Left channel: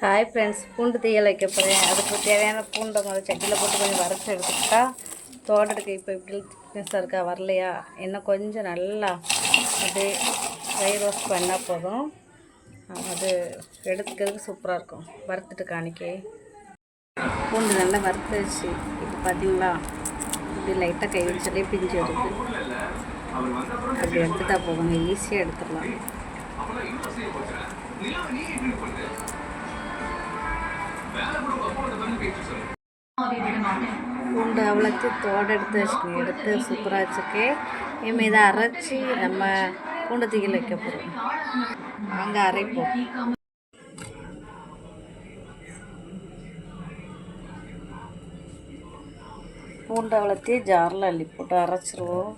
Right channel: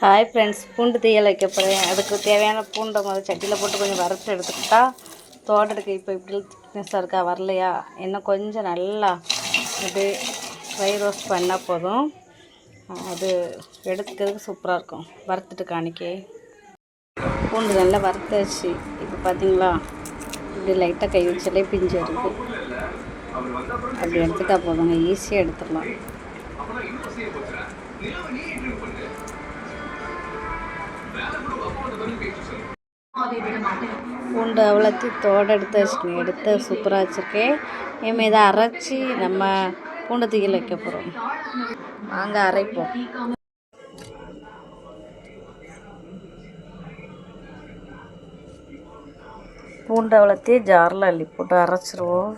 Hi friends, பூண்டு தீயல் வைக்க போகிறேன். அதுக்கு தேவையான பூண்டை முதல் சட்டியில் போட்டு கொஞ்சம் வறுத்து எடுத்துக்கிட்டா தோட்டத்துக்கு இப்போ இப்படி திக்னஸாக இருக்கா வரலையா, இன்னும் கொஞ்சம் நல்லா அப்படியே ஃப்ரை ரோஸ்ட் பண்ணால் போதும். அது எடுத்துக்கிறதுக்கு சூப்பராக இருக்கும். வறுத்துட்டு காணிக்கே பூண்டு நல்லா வறுத்தாச்சு. இப்போ பார்த்தீங்களா, இப்படி லைட்டாக கை வச்சாலே பிஞ்சு வருது. அப்படி எடுத்துட்டா போதுங்க, ஈஸியாக எடுத்துடலாம். பூண்டு அவ்வளோத்தையும் தோடு எடுத்து வச்சுக்கணும். எடுத்து சூப்பராக வச்சுருக்கேன். இனிமேல் இதை அரைச்சி நம்ம பூண்டு தீயல் வைக்க போகிறோம். வாங்க அரைப்போம். பூண்டு அவ்வளோத்தையும் ஜாரில் அள்ளி போட்டு அரைச்சிருவோம்.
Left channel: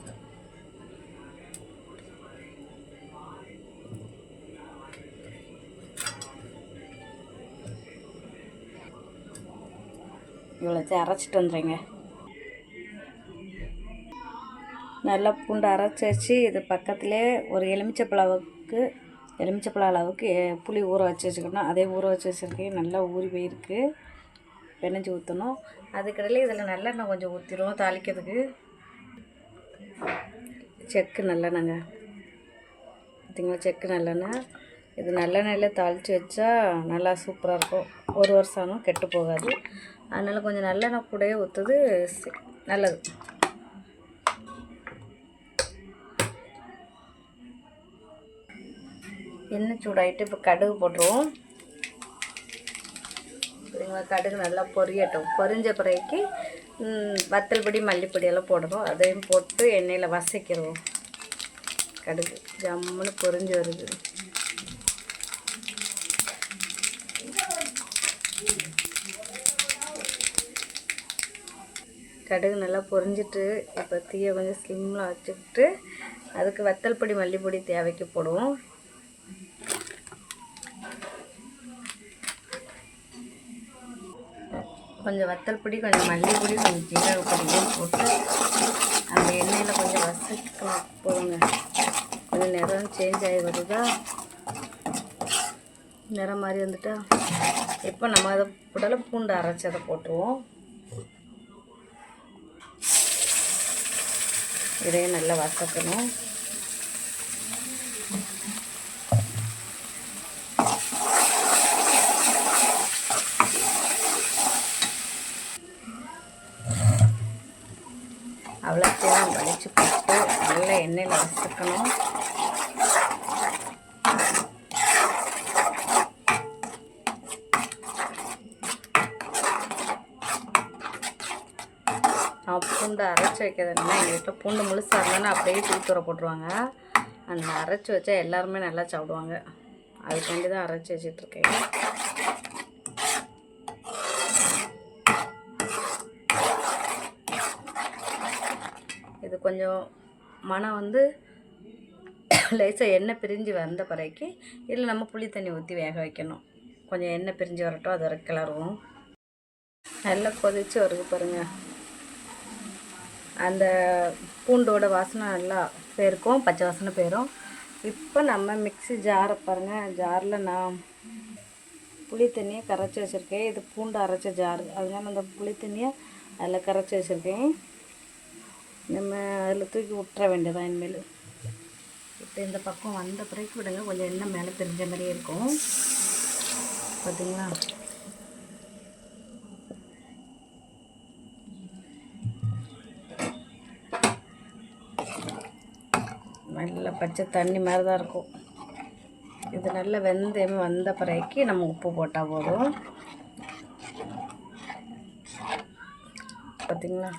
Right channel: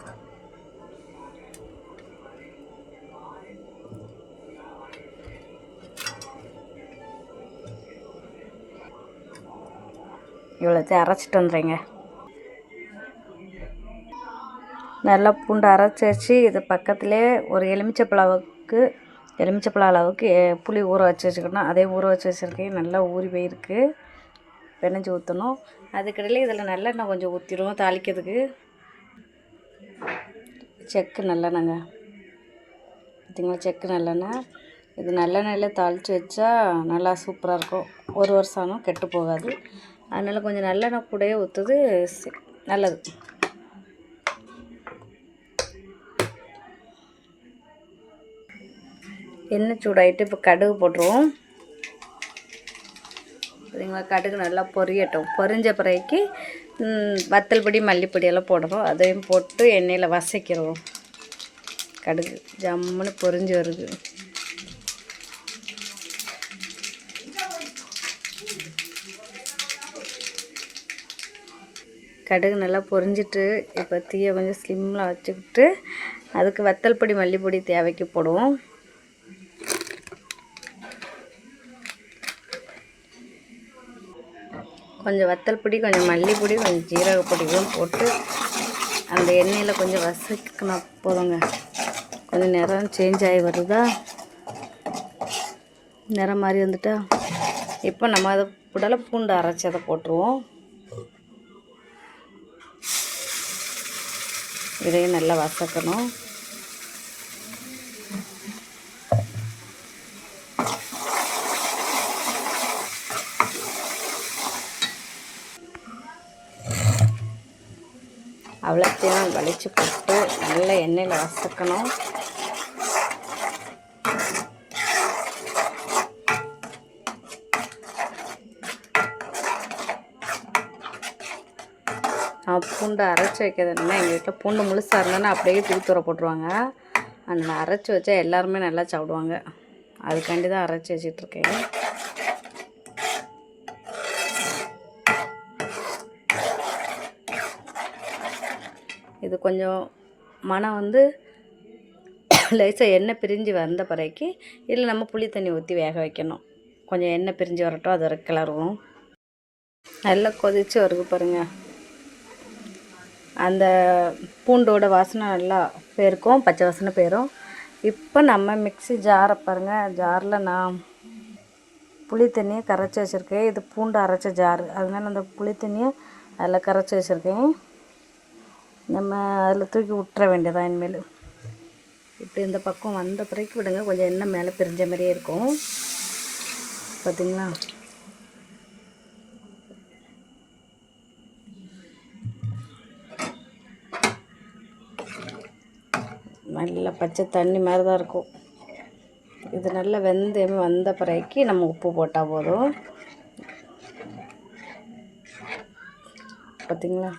இவ்வளோத்தையும் அரைச்சிட்டு வந்துடுங்க. நல்லா பூண்டு அரைச்சி வச்சு இது பக்கத்துலேயே ஒரு எலுமிச்சப்பழம் அளவுக்கு புளி ஊற வச்சு வச்சுக்கணும். அதே ஊற வச்சு வச்சுருக்கேன். நல்லா ஊறி போயிருக்கு. பெனஞ்சு ஊற்றணும். அதுக்கிடையில இதில் நல்லெண்ணெய் கொஞ்சம் ஊற்றிடுவோம் தாளிக்கிறதுக்கு. செக்கு நல்லெண்ணெய்ங்க, பார்த்திங்களா, செக்கு நல்லெண்ணெய். இது நல்லெண்ணெயில் தாளித்து வச்சா நல்லா சூப்பராக இருக்கும். ஒரு வருஷம் ஆனும் கெட்டு போகாது. அதனால் கொஞ்சம் நல்லெண்ணெய் கூடயே ஊற்றுது நல்லது. எண்ணெய் சூடாகிட்டு இப்போ கடுகு போட்டுருவோம். சரிங்களா, கடுகு நல்லா பொரியட்டும். பொரிஞ்ச பிறகு வத்தல் பொடி மல்லிப்பொடியெல்லாம் போடுவோம். அதையும் போட்டு எண்ணெயில் வதக்கிடுவோம். கடுகு ஜம்முன்னு பொரிஞ்சு வருது. கடுகு நல்லா பொரிஞ்சிட்டு இப்போ தீயை கொஞ்சம் ஸ்லிம்மில் வச்சுக்கிட்டு அதுக்கு வத்தல் பொடி மல்லிப்பொடி தேவைக்கு போடுவோம். கொஞ்சம் வத்தல் பொடி, கொஞ்சம் மல்லிப்பொடி, கொஞ்சம் ஜீரகப்பொடியும் போட்டு அந்த எண்ணெயில் கொஞ்சம் வதக்கினா போதுங்க. கொஞ்சம் நிறம் சேஞ்ச் ஆகி வருதா, நிறம் மாதிரி வந்துட்டா இப்போ நம்ம அதை உடலை பூண்டு அரைச்சி அதை போட்டுருவோம். இதையும் நல்லா வதக்கணும். அவ்வளோத்தையும் வலிச்சு போட்டு நல்லா எண்ணெயில் வதக்கணும். பூண்டு அரைச்சி வைக்கிறதுனா எங்கள் வீட்டில் பூண்டு முழுசாக இருந்தோன்னா அப்படியே தூர போட்டுருவாங்க. அந்த அரைச்சி வச்சா எல்லாருமே நல்லா சாப்பிடுவாங்க. அதுக்காண்டி தான் அரைச்சி வச்சிட்ருக்கேன். இது கொஞ்சம் மனம் வந்து லேசாக எண்ணெய் பிரிஞ்சு வந்த பிறகு இதில் நம்ம புளி தண்ணி ஊற்றி வேக வைக்கணும். கொஞ்சம் எண்ணெய் பிரிஞ்சு வரட்டும், அது வரைக்கும் கிளறுவோம். நல்லா கொதித்து வருது பாருங்கள். அந்த பூண்டோட வாசனை நல்லா போயிருக்கும், பச்சை வாசனை போயிடும். இப்போ நம்ம மிக்ஸி ஜாரை பாருங்கள். ஜாரில் நான் புளி தண்ணியை கரைச்சி வச்சுருக்கேன். இது பூண்டு அரைச்ச ஜாரு, அதனால் அந்த புளி தண்ணியை அதில் கரைச்சி வச்சுருக்கேன். நம்ம அதில் தூக்கி விட்டுற வேண்டியதான் இனிமேல். இப்போ இந்த பக்கம் வந்த பிறகு விடுங்க. கொஞ்சம் எண்ணெய் மேலே பிரிஞ்ச மாதிரியே இருக்கும், பார்த்திங்களா. நல்ல பச்சை தண்ணி மாதிரி தான் இருக்கும். இது நல்ல வெந்தயம் வந்த பிறகு நம்ம உப்பு போட்டால் போதும், பார்த்திங்களா.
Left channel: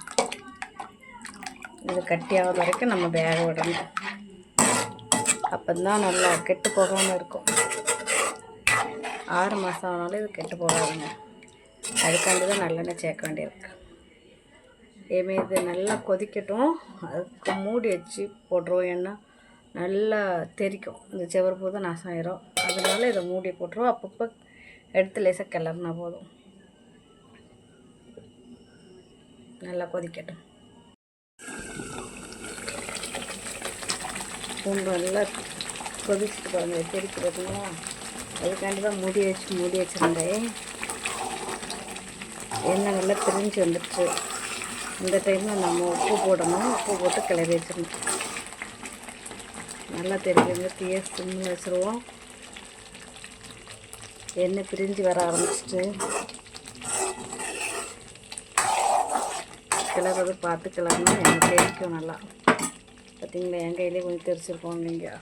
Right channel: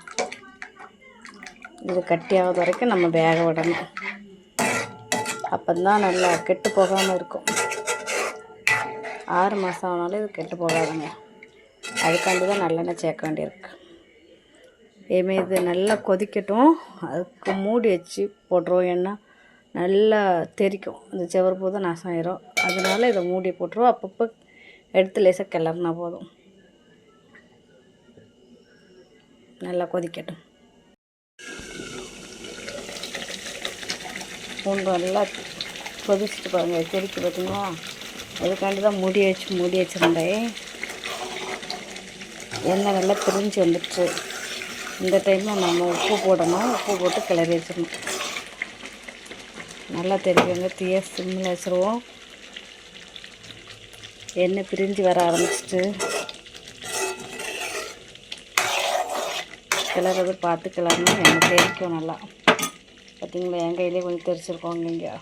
இது கட்டியாகாத வரைக்கும் நம்ம வேக விடணும். அப்போ தான் நல்லா கெட்டு போகாமல் இருக்கும். 6 மாதம் ஆனாலும் இது கெட்டு போகாதுங்க. அதுக்காண்டி தான் நல்லெண்ணெய் சேர்க்க வேண்டியிருக்கு. இனிமேல் இது நல்லா கொதிக்கட்டும். அதுக்கு மூடி வச்சு போட்டுருவோம். ஏன்னா நல்லா தெரிக்கும், இந்த செவரு போதும் நாசம் ஆயிரும். அதனால இதை மூடி போட்டுருவோம். அப்பப்போ எடுத்து லேசாக கிளறுனா போதும். நல்லா கொதிக்கட்டும். பூண்டு நல்லா கொதிச்சுட்டு பாருங்கள், கொதிக்க பார்த்தீங்களா. அதுக்காண்டி தான் மூடி வச்சுருந்தேன். எண்ணெய் நல்லா பிரிஞ்சு வந்துடுச்சு. இந்த டைமில் நம்ம உப்பு போடணும். உப்பு போட்டு கிளறி வச்சிடணும். நல்லா தெரியுங்க. தீயை சிம்மில் வச்சுருவோம். எண்ணெய் பிரிஞ்சு வர ஆரம்பிச்சிட்டு கிளறது பார்த்து கிளறணும். எண்ணெய் தெரிக்கும் நல்லா. பார்த்திங்களா, என் கையிலே கொஞ்சம் தெரிச்சிருக்கோங்க இங்கே.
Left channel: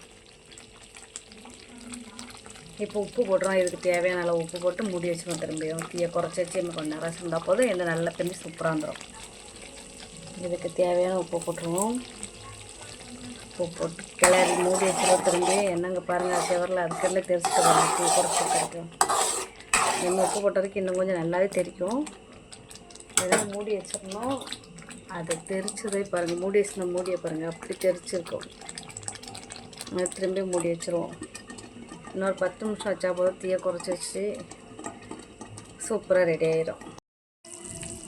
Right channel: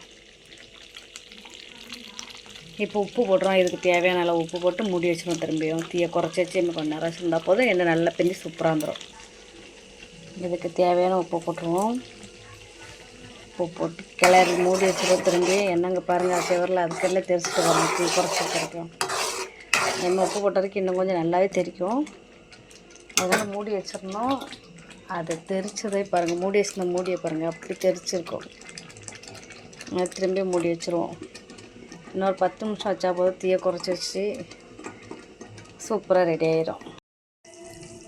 இப்போ உப்பு போடுறோம். இதுக்கு தேவையான நல்லா உப்பு போட்டு மூடி வச்சுருவோம். திரும்பியும் தீயை குறைச்சி வச்சு இன்னும் கொஞ்சம் நேரம் இருந்தால் போதும். எண்ணெய் நல்லா பிரிஞ்சு சூப்பராக வந்துடும். இதுக்கு தேவையான உப்பு போட்டுருவோம். உப்பு போட்டு கிளறி மூடி வச்சுருவோம். திரும்பி எண்ணெய்ங்க பாருங்கள், செவரில் அதுக்கெல்லாம் தெரிச்சுட்டு வரணும். தீ குறைச்சி கிடைக்கும். எண்ணெய் உப்பு போட்டதுக்கு இன்னும் கொஞ்சம் நல்லாவே தெரிக்கும். அதனால் மூடி வச்சிடணும். அதை தெரிச்சதே பாருங்கள், மூடி வச்சுருந்த மூடியை பாருங்கள், அப்படி தெரிச்சிருக்கும். திரும்பி மூடி வச்சுருவோம். இன்னொரு 10 நிமிஷம் வச்சா போதும். தீயை குறைச்சி வச்சு சூப்பராக ரெடி ஆகிடும்.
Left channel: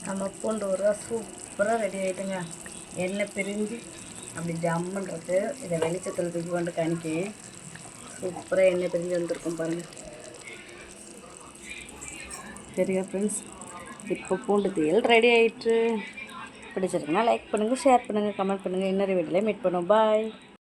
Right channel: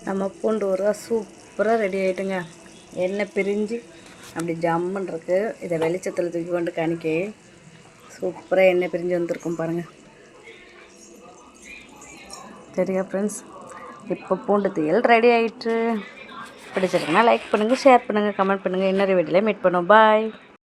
நம்ம பூண்டு ஊறுகாய் சூப்பராக ரெடி ஆகிட்டுங்க. எண்ணெய் பிரிஞ்சு அப்படி ஜம்முன்னு இருக்குது. இதை வெளிச்சத்தில் தூக்கி கொண்டு காணிக்க சூப்பராக எண்ணெய் பிரிஞ்சு வந்துருக்கும் பாருங்கள். சரியா ஃப்ரெண்ட்ஸ், இப்போ பூண்டு தீயல் ரெடி ஆகிட்டு. பிடிச்சிருக்குன்னா லைக் பண்ணுங்கள், ஷேர் பண்ணுங்கள், கமெண்ட் பண்ணுங்கள். இன்னொரு வீடியோவில் மீட் பண்ணுவோம். பாய்.